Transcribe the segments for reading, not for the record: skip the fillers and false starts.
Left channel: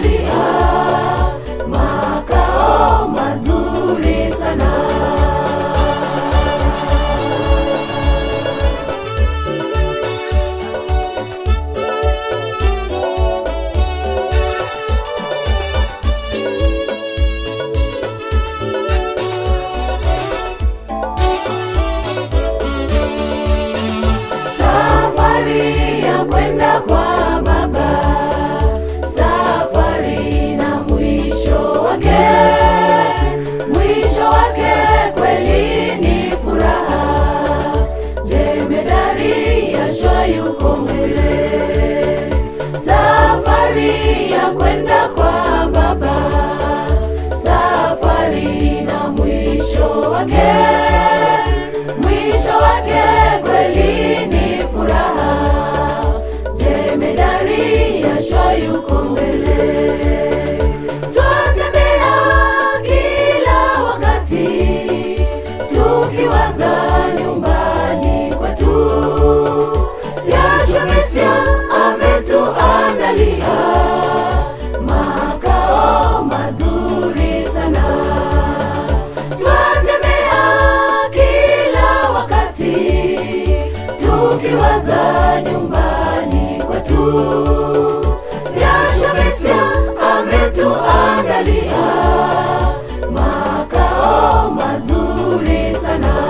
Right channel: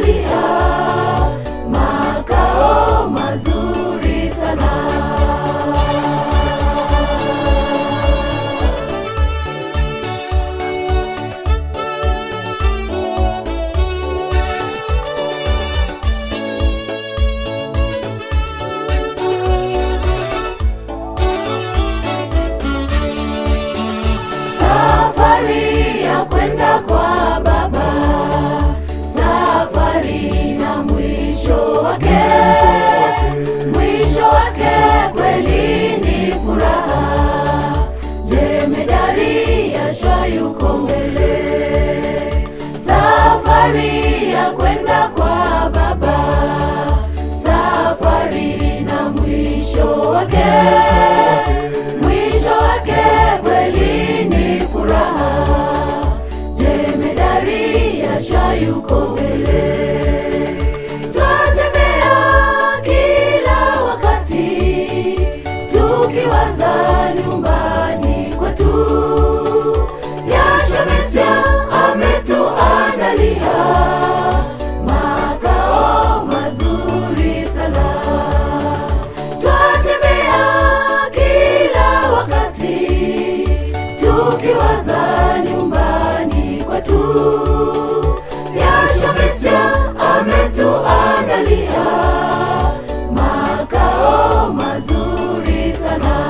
ametuandalia makao mazuri sana. Safari ya kwenda kwa Baba, safari na mwisho wake kweli ni furaha. Jemedari Yashua yuko mbele. Safari ya kwenda kwa Baba, safari na mwisho wake kweli ni furaha. Jemedari Yashua yuko mbele. Twatembea kila wakati tukiwaza nyumbani kwetu. Yashua Mesia ametuandalia makao mazuri sana. Twatembea kila wakati tukiwaza nyumbani kwetu. Yashua Mesia ametuandalia makao mazuri sana.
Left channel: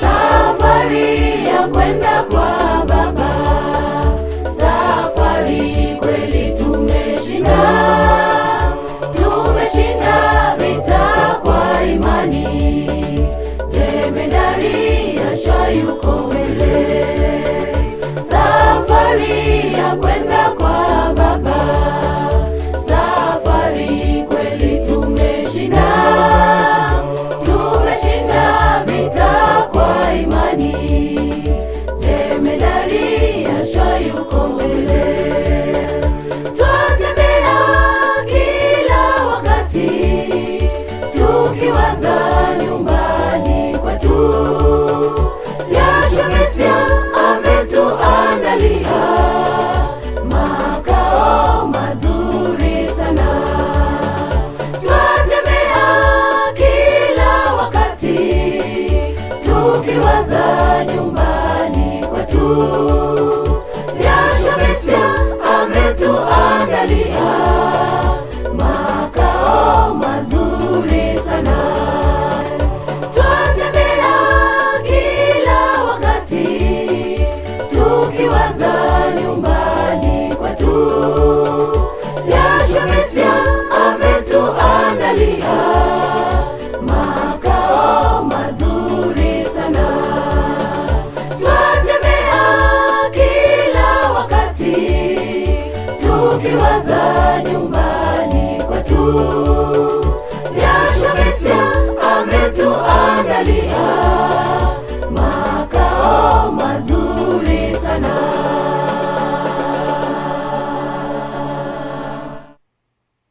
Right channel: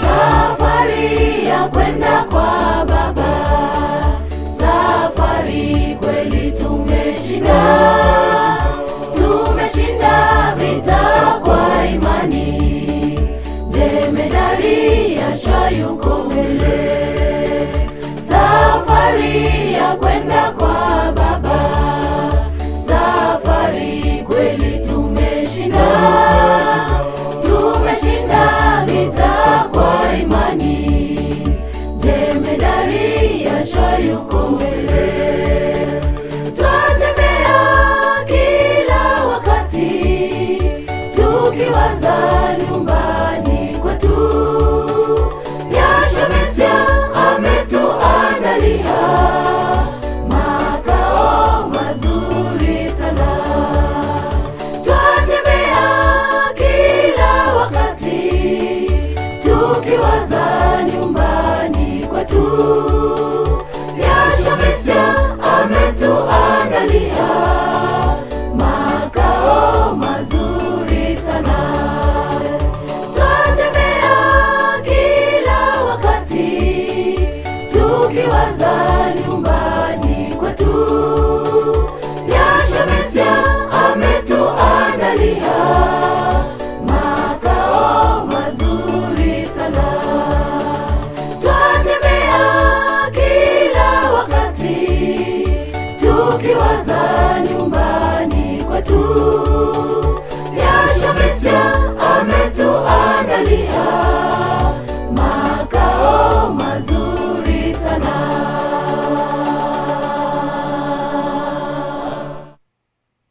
Safari ya kwenda kwa Baba, safari kweli tumeshinda vita kwa imani. Jemedari Yashua yuko mbele. Safari ya kwenda kwa Baba, safari kweli tumeshinda vita kwa imani. Jemedari Yashua yuko mbele. Twatembea kila wakati tukiwaza nyumbani kwetu. Yashua Mesia ametuandalia